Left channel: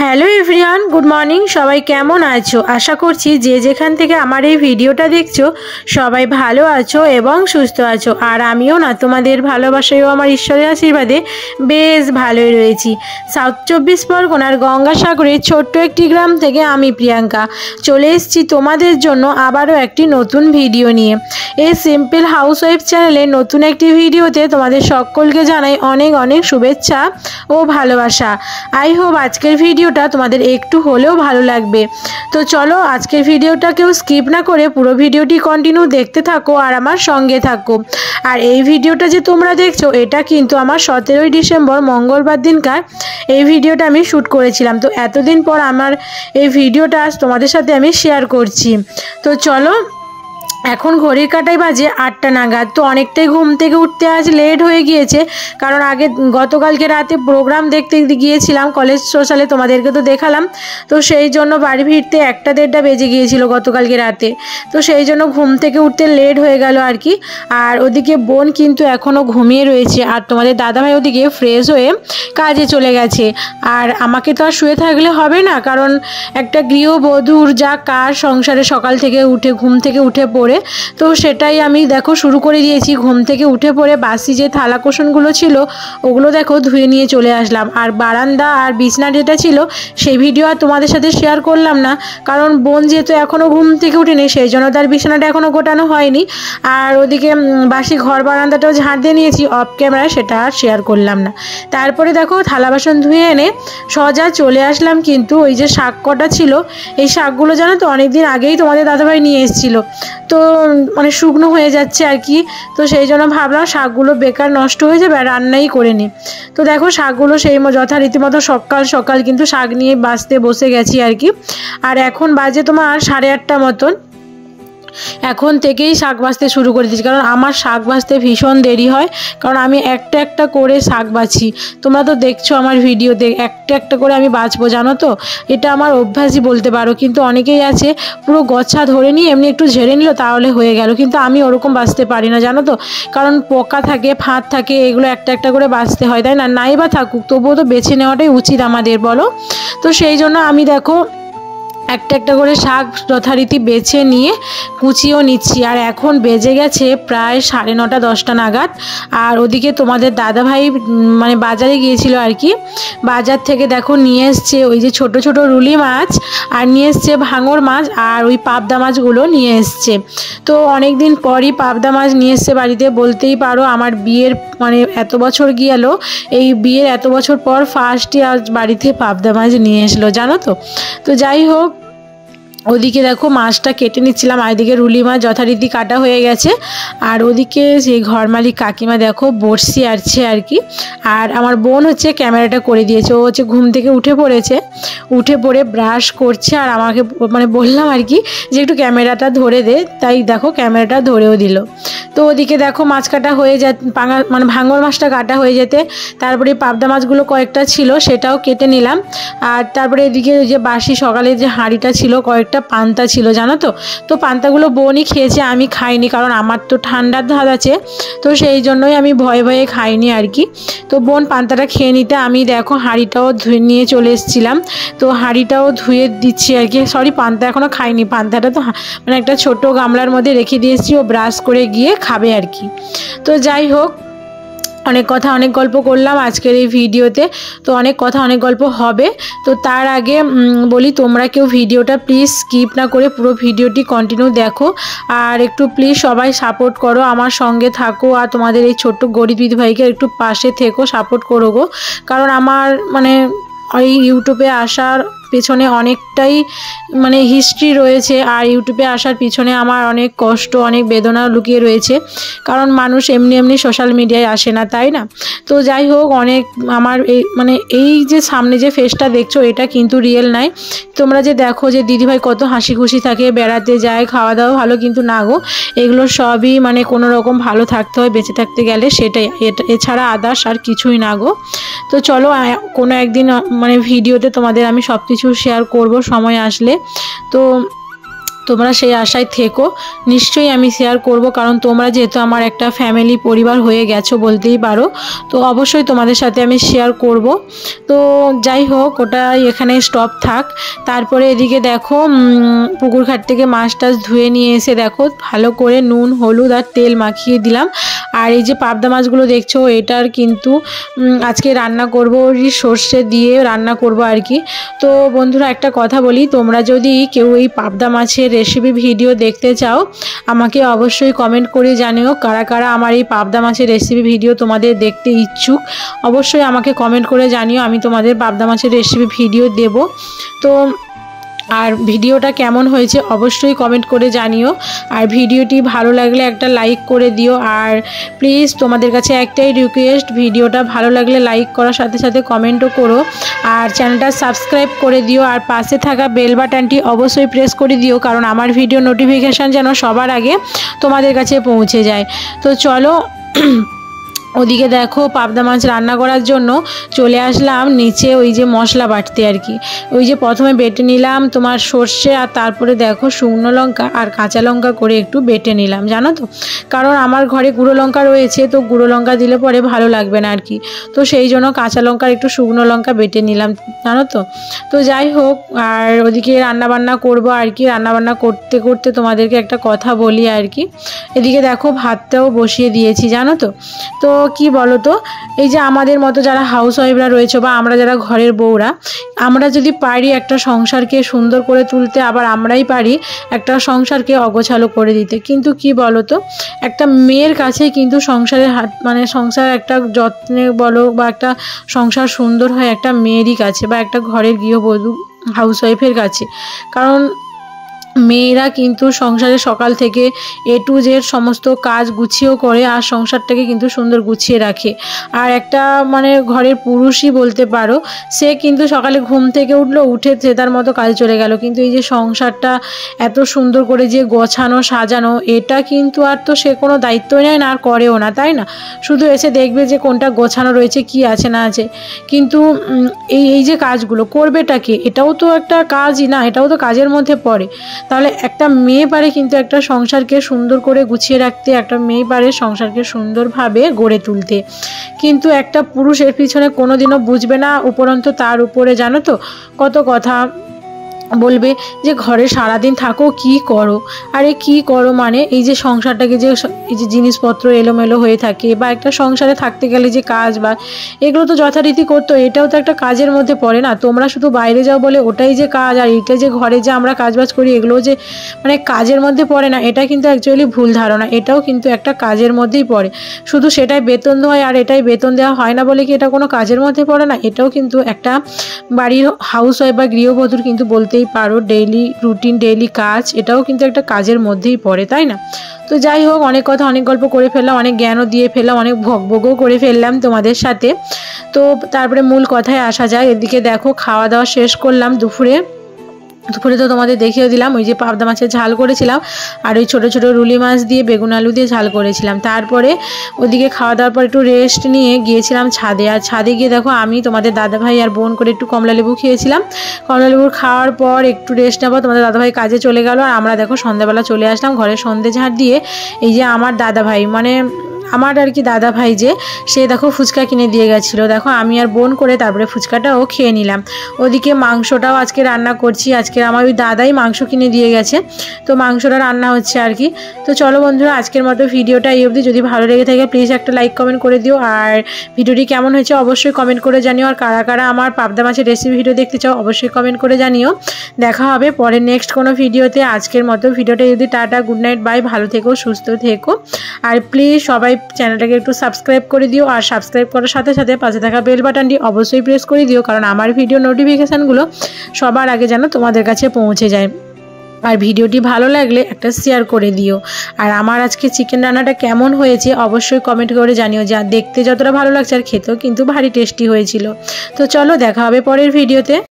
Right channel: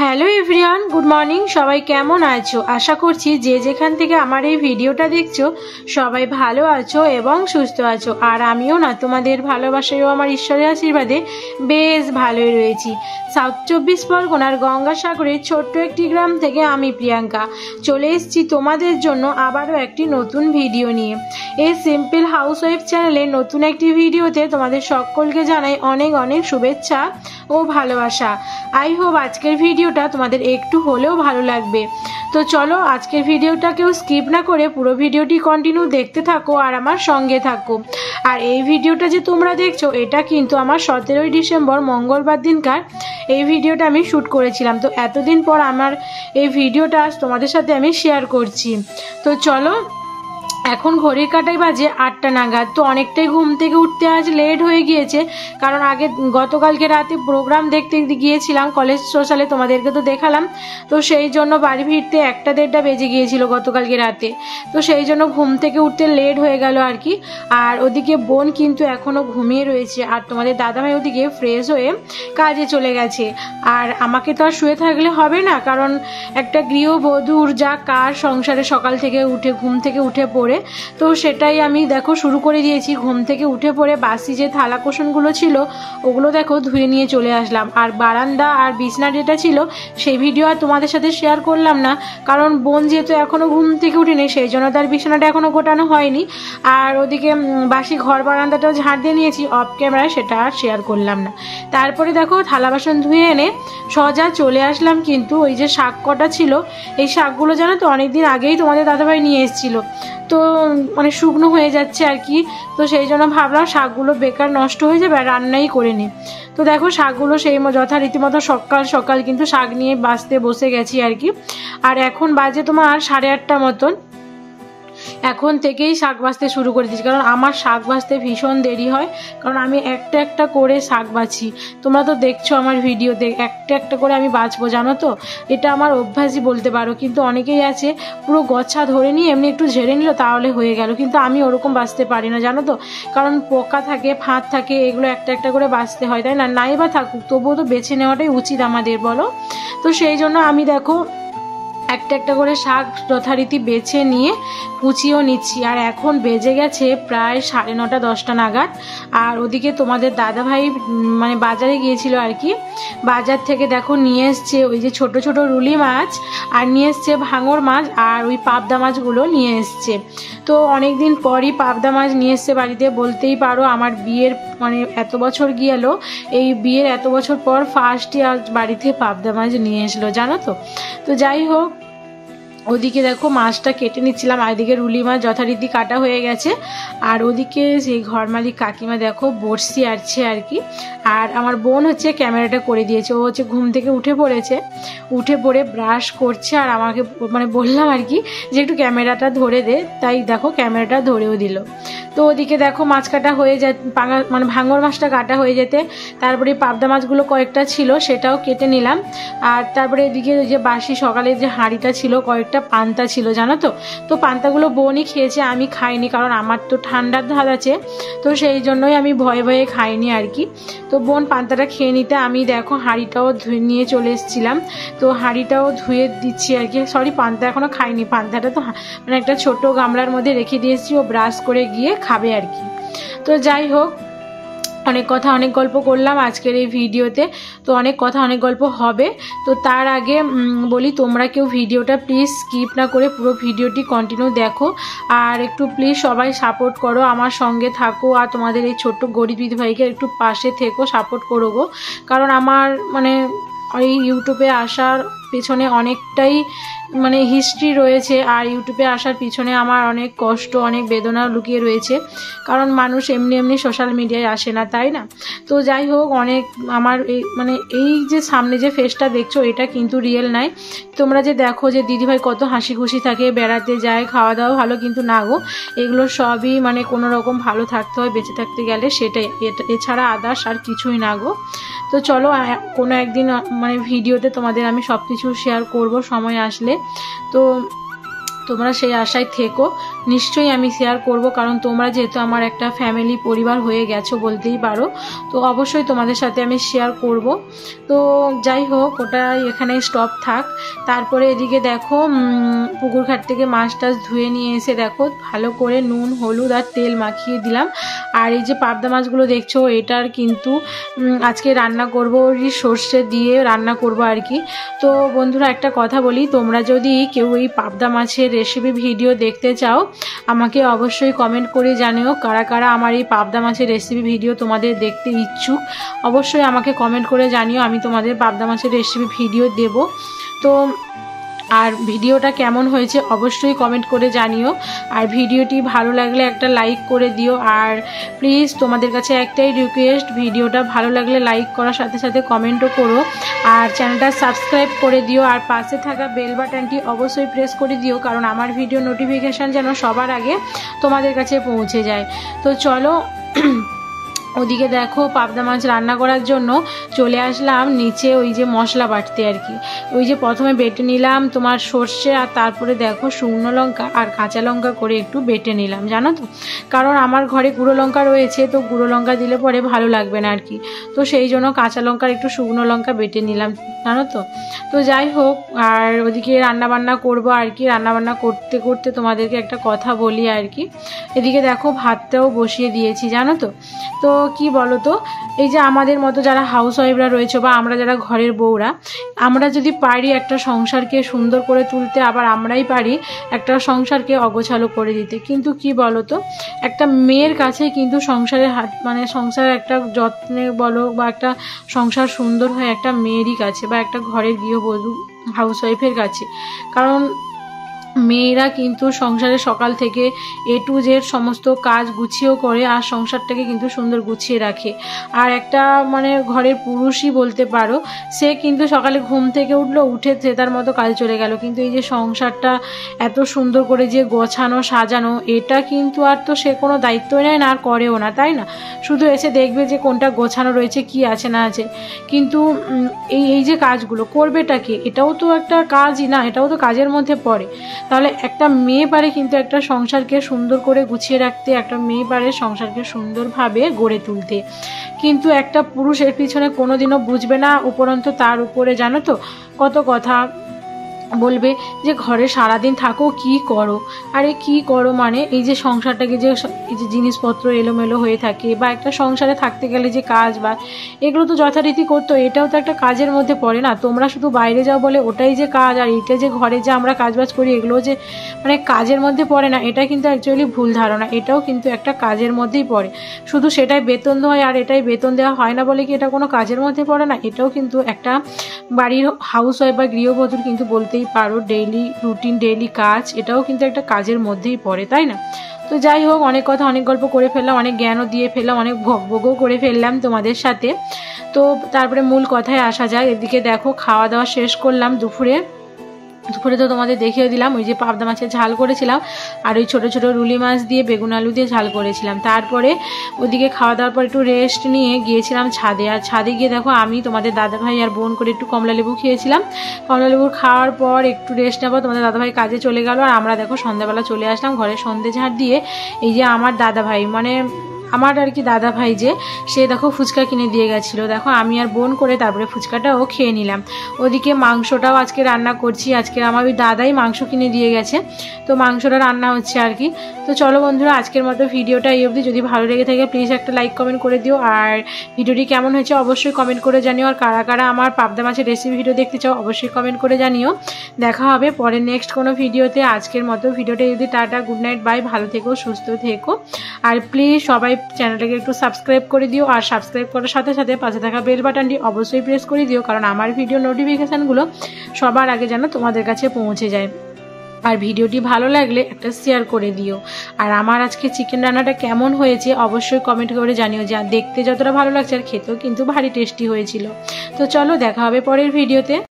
Hello everyone, good morning. সবাই কেমন আছো? আশা করছি যে যেখান থেকে আমার এই ভিডিওটা দেখছো সবাই ভালো আছো এবং সুস্থ আছো। আর আমিও না তোমাদের ভালোবাসায়ও আমার ঈশ্বরের আশীর্বাদে বেশ ভালোই রয়েছি। সাউথ 24 পরগনার গঙ্গাসাগরের ছোট্ট একটি গ্রাম থেকে আমি প্রিয়াঙ্কা চলে এসেছি তোমাদের জন্য আবারও একটি নতুন ভিডিও নিয়ে। এই সিম্পল হাউসওয়াইফ চ্যানেলে নতুন একটি ভিডিওতে তোমাদের সকলকে জানাই অনেক অনেক শুভেচ্ছা ও ভালোবাসা। আই হোপ আজকের ভিডিওটা তোমাদের একটু হলেও ভালো লাগবে। তো চলো আজকের ভিডিওটা কেউ স্কিপ না করে পুরো ভিডিওটি কন্টিনিউ দেখতে থাকো আর আমার সঙ্গে থাকো। আর এই ভিডিওটা যে তোমরা দেখছো এটা কিন্তু আমার 17ই ডিসেম্বর মঙ্গলবার দিনকার এই ভিডিওটা আমি শ্যুট করেছিলাম। তো এতদিন পর আমার এই ভিডিওটা আজ তোমাদের সাথে আমি শেয়ার করছি। তো চলো, এখন ঘড়ির কাঁটায় বাজে 8টা নাগাদ। তো অনেকটাই ঘুম থেকে উঠতে আজ লেট হয়ে গিয়েছে, কারণ গতকালকে রাতে প্রোগ্রাম দেখতে গিয়েছিলাম কলেজ সোশ্যালে, তোমাদেরকে তো দেখালাম। তো সেই জন্য বাড়ি ফিরতে 1টা-1:30 বেজে গিয়েছিল গতকালকে রাতে। তো সেই জন্য ঘুম থেকে উঠতে লেট হয়ে গেল আর কি। আর ওদিকে বোন কিন্তু এখনও ঘুমিয়ে রয়েছে, আর তোমাদের দাদাভাই ওদিকে ফ্রেশ হয়ে কাজে চলে গেছে। আর আমাকে তো আর শুয়ে থাকলে হবে না, কারণ একটা গৃহবধূর যা কাজ সংসারে সকাল থেকে উঠে ঘুম থেকে উঠে পড়ে, তো সেটাই আমি দেখো শুরু করে দিয়েছি। ঘুম থেকে উঠে পড়ে বাসি যে থালা কোসনগুলো ছিল ওগুলো দেখো ধুয়ে নিয়ে চলে আসলাম। আর বারান্দা আর বিছনা যেটা ছিল সেই ভিডিও আর তোমাদের সাথে শেয়ার করলাম না, কারণ বোন যেহেতু এখনও ঘুম থেকে উঠেনি সেই জন্য তার বিছানাটা এখনও গোটানো হয়নি। আর ওদিকে বাসি ঘর বারান্দাটাও ঝাড় দিয়ে নিয়েছি অফ ক্যামেরা, সেটা আর শেয়ার করলাম না। তারপরে দেখো থালা বাসন ধুয়ে এনে সোজা চলে আসলাম কিন্তু ওই যে শাক কটা ছিল, এই শাকগুলো জানো তো অনেকদিন আগেই তোমাদের দাদাভাই নিয়ে এসেছিলো, তো মানে শুকনো হয়ে যাচ্ছে আর কি। তো সেই জন্য ভাবলাম শাকগুলো বেকার নষ্ট হয়ে যাবে আর রান্নাই করে নিই। তো দেখো শাকগুলো সেই যথারীতিমতো সকাল সকাল কিন্তু শাক নিয়ে বাছতে বসে গেছি আর কি। আর এখন বাজে তোমার 8:30 মতন। এখন থেকেই শাক বাছতে শুরু করে দিয়েছি, কারণ আমার শাক বাছতে ভীষণ দেরি হয়, কারণ আমি একটা একটা করে শাক বাছি। তোমরা তো দেখছো আমার ভিডিওতে একটা একটা করে আমি বাছবো, জানো তো এটা আমার অভ্যাসই বলতে পারো। কিন্তু অনেকেই আছে পুরো গছা ধরে নিয়ে এমনি একটু ঝেড়ে নিল তাহলে হয়ে গেল, কিন্তু আমি ওরকম বাছতে পারি না জানো তো, কারণ পোকা থাকে ফাঁদ থাকে, এগুলো একটা একটা করে বাছতে হয়, তাই না? নাই বা থাকুক তবুও তো বেছে নেওয়াটাই উচিত আমাদের, বলো। তো সেই জন্য আমি দেখো একটা একটা করে শাক যথারীতি বেছে নিয়ে কুচিয়েও নিচ্ছি। আর এখন বেজে গেছে প্রায় 9:30-10টা নাগাদ। আর ওদিকে তোমাদের দাদাভাই মানে বাজারে গিয়েছিল আর কি। বাজার থেকে দেখো নিয়ে এসছে ওই যে ছোট ছোট রুলি মাছ, আর নিয়ে এসছে ভাঙর মাছ, আর ওই পাবদা মাছগুলো নিয়ে এসছে। তো অনেক দিন পরই পাবদা মাছ নিয়ে এসছে বাড়িতে, বলতেই পারো আমার বিয়ের মানে এত বছর গেল, এই বিয়ের এত বছর পর ফার্স্টই আজ বাড়িতে পাবদা মাছ নিয়ে এসলো, জানো তো। তো যাই হোক, ওদিকে দেখো মাছটা কেটে নিচ্ছিলাম, আর এদিকে রুলি মাছ যথারীতি কাটা হয়ে গেছে। আর ওদিকে সেই ঘর মালিক কাকিমা দেখো বড়শি আরছে আর কি। আর আমার বোন হচ্ছে ক্যামেরাটা করে দিয়েছে, ও হচ্ছে ঘুম থেকে উঠে পড়েছে, উঠে পড়ে ব্রাশ করছে, আর আমাকে মানে বললাম আর কি যে একটু ক্যামেরাটা ধরে দে, তাই দেখো ক্যামেরাটা ধরেও দিল। তো ওদিকে দেখো মাছ কাটা হয়ে মানে ভাঙর মাছটা কাটা হয়ে যেতে তারপরে পাবদা মাছগুলো কয়েকটা ছিল সেটাও কেটে নিলাম। আর তারপরে এদিকে ওই যে বাসি সকালে যে হাঁড়িটা ছিল কয়েকটা পান্তা ছিল, জানো তো। তো পান্তাগুলো বোনই খেয়েছে, আমি খাইনি, কারণ আমার তো ঠান্ডার ধাত আছে, তো সেই জন্যই আমি ভয়ে ভয়ে খাইনি আর কি। তো বোন পান্তাটা খেয়ে নিতে আমি দেখো হাঁড়িটাও ধুয়ে নিয়ে চলে এসেছিলাম। তো হাঁড়িটাও ধুয়ে দিচ্ছি আর কি। সরি, পান্তা এখনও খাইনি, পান্তাটা তো মানে একটা ছোট গামলার মধ্যে রেখে দিয়েছি, ও ব্রাশ করে গিয়ে খাবে আর কি। তো যাই হোক, অনেক কথা অনেক গল্প করলাম আজকের এই ভিডিওতে, তো অনেক কথা অনেক গল্প হবে। তো তার আগে বলি তোমরা কেউ ভিডিওটা প্লিজ স্কিপ না করে পুরো ভিডিওটি কন্টিনিউ দেখো, আর একটু প্লিজ সবাই সাপোর্ট করো, আমার সঙ্গে থাকো, আর তোমাদের এই ছোট্ট গরিব দিদিভাইকে একটু পাশে থেকো, সাপোর্ট করো গো। কারণ আমার মানে এই ইউটিউবে আসার পেছনে অনেকটাই মানে হিস্ট্রি রয়েছে, আর ইউটিউবে আসার পিছনে আমার অনেক কষ্ট অনেক বেদনা লুকিয়ে রয়েছে, কারণ মানুষ এমনি এমনি সোশ্যাল মিডিয়ায় আসে না, তাই না? তো যাই হোক, অনেক আমার এই মানে এই যে সামনে যে ফেসটা দেখছো এটা কিন্তু রিয়েল নাই। তোমরা যে দেখো যে দিদিভাই কত হাসি খুশি থাকে, বেড়াতে যায়, খাওয়া দাওয়া ভালো, কিন্তু না গো, এগুলো সবই মানে কোনো রকম ভালো থাকতে হয় বেঁচে থাকতে গেলে, সেটাই, এছাড়া আদার্স আর কিছুই না গো। তো চলো কোনো একদিন মানে ভিডিওতে তোমাদের আমি সব কিছু শেয়ার করব সময় আসলে। তো তোমরা সেই আশায় থেকো, নিশ্চয়ই আমি শেয়ার করব, কারণ তোমরা যেহেতু আমার একটা ফ্যামিলি পরিবার হয়ে গেছো বলতেই পারো, তো অবশ্যই তোমাদের সাথে আমি শেয়ার করব। তো যাই হোক, ওটা এখানে স্টপ থাক। তারপরে এদিকে দেখো পুকুর ঘাট থেকে মাছ টাছ ধুয়ে নিয়ে এসে দেখো ভালো করে নুন হলুদ আর তেল মাখিয়ে দিলাম। আর এই যে পাবদা মাছগুলো দেখছো, এটার কিন্তু আজকে রান্না করব, সর্ষে দিয়ে রান্না করব আর কি। তো বন্ধুরা একটা কথা বলি, তোমরা যদি কেউ এই পাবদা মাছের রেসিপি ভিডিও দেখতে চাও, আমাকে অবশ্যই কমেন্ট করে জানিও কারা কারা আমার এই পাবদা মাছের রেসিপি ভিডিও তোমাদের দেখতে ইচ্ছুক। অবশ্যই আমাকে কমেন্ট করে জানিও, আমি তোমাদের পাবদা মাছের রেসিপি ভিডিও দেব। তো আর ভিডিওটা কেমন হয়েছে অবশ্যই কমেন্ট করে জানিও। আর ভিডিওটি ভালো লাগলে একটা লাইক করে দিও। আর প্লিজ তোমাদের কাছে একটাই রিকোয়েস্ট, ভিডিওটা ভালো লাগলে লাইক করার সাথে সাথে কমেন্টও করো। আর চ্যানেলটা সাবস্ক্রাইব করে দিও। আর পাশে থাকা বেল বাটনটি অবশ্যই প্রেস করে দিও, কারণ আমার ভিডিও নোটিফিকেশান যেন সবার আগে তোমাদের কাছে পৌঁছে যায়। তো চলো ওদিকে দেখো পাবদা মাছ রান্না করার জন্য চলে আসলাম নিচে, ওই যে মশলা বাটতে আর কি। ওই যে প্রথমে বেটে নিলাম তোমার সর্ষে, আর তারপরে দেখো শুকনো লঙ্কা আর কাঁচা লঙ্কা করে একটু বেটে নিলাম, জানো তো, কারণ আমার ঘরে গুঁড়ো লঙ্কা রয়েছে, তো গুঁড়ো লঙ্কা দিলে পরে ভালো লাগবে না আর কি। তো সেই জন্য কাঁচা লঙ্কার একটু শুকনো লঙ্কা বেটে নিলাম, জানো তো। তো যাই হোক, আর ওদিকে রান্নাবান্না করবো আর কি। রান্নাবান্না করতে করতে তোমাদেরকে একটা কথা বলি আর কি। এদিকে দেখো ভাতটাও বসিয়ে দিয়েছি, জানো তো। তো কি বলো তো, এই যে আমাদের মতো যারা হাউস ওয়াইফরা রয়েছে বা আমরা যারা ঘরের বউরা, আমরা যদি পারি একটা সংসারকে সুন্দর করে তুলতে, আবার আমরাই পারি একটা সংসারকে অগোছালো করে দিতে। কিন্তু কি বলো তো, একটা মেয়ের কাছে কিন্তু সংসারের হাত মানে সংসার একটা যত্নে বলো বা একটা সংসার সুন্দর হয় একটা মেয়েরই কাছে, বা একটা ঘরের গৃহবধূ হাউস ওয়াইফের কাছে। কারণ মেয়েরা কিন্তু সংসারে সকাল থেকে A to Z সমস্ত কাজ গুছিয়েও করে, আর সংসারটাকে কিন্তু সুন্দর গুছিয়ে রাখে। আর একটা মানে ঘরের পুরুষই বলতে পারো, সে কিন্তু সকালে ঘুম থেকে উঠলো, উঠে সে তার মতো কাজ চলে গেল, কিন্তু এই যে সংসারটা এত সুন্দর করে যে গোছানো সাজানো, এটা কিন্তু আর তো সে কোনো দায়িত্বই নেয় না আর করেও না, তাই না? শুধু এসে দেখবে যে কোনটা গোছানো রয়েছে, কি আছে না আছে। কিন্তু এই যে কাজগুলো করবেটাকে, এটাও তো একটা কাজই না, এটাও তো কাজের মধ্যে পড়ে। তাহলে একটা মেয়ে পারে কিন্তু একটা সংসারকে সুন্দর করে গুছিয়ে রাখতে, একটা মেয়ে পারে সংসারকে সুন্দরভাবে গড়ে তুলতে। কিন্তু একটা পুরুষ এর পিছনে কোনোদিনও বুঝবে না, উপরন্তু তার উপরে জানো তো কত কথা বলবে যে ঘরে সারাদিন থাকো কি করো। আরে কি করো মানে, এই যে সংসারটাকে যে এই যে জিনিসপত্র এলোমেলো হয়ে থাকে, বা একটা সংসারে থাকতে গেলে যে কাজ বা এগুলো তো যথারীতি করতো, এটাও তো একটা কাজের মধ্যে পড়ে না। তোমরা শুধু বাইরে যাও বলে ওটাই যে কাজ, আর এটা যে ঘরে যে আমরা কাজবাজ করি এগুলো যে মানে কাজের মধ্যে পড়ে না, এটা কিন্তু অ্যাকচুয়ালি ভুল ধারণা। এটাও কিন্তু একটা কাজের মধ্যেই পড়ে, শুধু সেটাই বেতন দেওয়া হয় আর এটাই বেতন দেওয়া হয় না বলে কি এটা কোনো কাজের মধ্যে পড়ে না? এটাও কিন্তু একটা বাড়ির হাউস ওয়াইফ বা গৃহবধূর কিন্তু বলতেই পারো ডেইলি রুটিন, ডেইলি কাজ, এটাও কিন্তু একটা কাজের মধ্যেই পড়ে, তাই না? তো যাই হোক, অনেক কথা অনেক গল্প করে ফেললাম, অনেক জ্ঞানও দিয়ে ফেললাম, অনেক ভোগও করে ফেললাম তোমাদের সাথে। তো তারপরে মূল কথায় আসা যায়। এদিকে দেখো খাওয়া দাওয়া শেষ করলাম দুপুরে তো তোমাদের দেখিয়ে দিলাম ওই যে পাবদা মাছের ঝাল করেছিলাম, আর ওই ছোটো ছোটো রুলি মাছ দিয়ে বেগুন আলু দিয়ে ঝাল করেছিলাম। তারপরে ওদিকে খাওয়া দাওয়ার পর একটু রেস্ট নিয়ে গিয়েছিলাম ছাদে। আর ছাদে গিয়ে দেখো আমি তোমাদের দাদাভাই আর বোন করে একটু কমলা লেবু খেয়েছিলাম। কমলা লেবু খাওয়ার পর একটু রেস্ট নেবো, তোমাদের দাদাভাই কাজে চলে গেল, আর আমরা দেখো সন্ধ্যাবেলা চলে আসলাম ঘরে সন্ধ্যে ঝাড় দিয়ে। এই যে আমার দাদাভাই মানে আমার আর কি দাদা ভাই যে, সে দেখো ফুচকা কিনে দিয়ে গেছিলো। দেখো আমি আর বোন করে তারপরে ফুচকাটাও খেয়ে নিলাম। ওদিকে মাংসটাও আজকে রান্না করছি, আজকে আমার ওই দাদাই মাংস কিনে দিয়ে গেছে, তো মাংসটা রান্না হচ্ছে আর কি। তো চলো বন্ধুরা, আজকের মতো ভিডিওটা এই অবধি। যদি ভালো লেগে থাকে প্লিজ একটা লাইক কমেন্ট করে দিও, আর ভিডিওটি কেমন হয়েছে অবশ্যই কমেন্ট করে জানিও। আর কারা কারা আমার পাবদা মাছের রেসিপি ভিডিও দেখতে চাও অবশ্যই কমেন্ট করে জানিও। দেখা হবে পরে নেক্সট কোনো ভিডিওতে। আজকের মতো ভিডিওটা যদি টাটা, গুড নাইট, বাই, ভালো থেকো, সুস্থ থেকো। আর প্লিজ সবাই চ্যানেলটাকে একটু সাবস্ক্রাইব করে দিও, আর সাবস্ক্রাইব করার সাথে সাথে পাশে থাকা বেল বাটনটি অবশ্যই প্রেস করে দিও, কারণ আমার ভিডিও নোটিফিকেশানগুলো সবার আগে যেন তোমাদের কাছে পৌঁছে যায়। আর ভিডিওটি ভালো লাগলে একটা শেয়ার করে দিও। আর আমার আজকে চিকেন রান্নাটা কেমন হয়েছে অবশ্যই কমেন্ট করে জানিও, যা দেখতে যতটা ভালো লাগছে আর খেতেও কিন্তু ভারী টেস্টি হয়েছিল। তো চলো দেখা হবে পরের ভিডিওতে।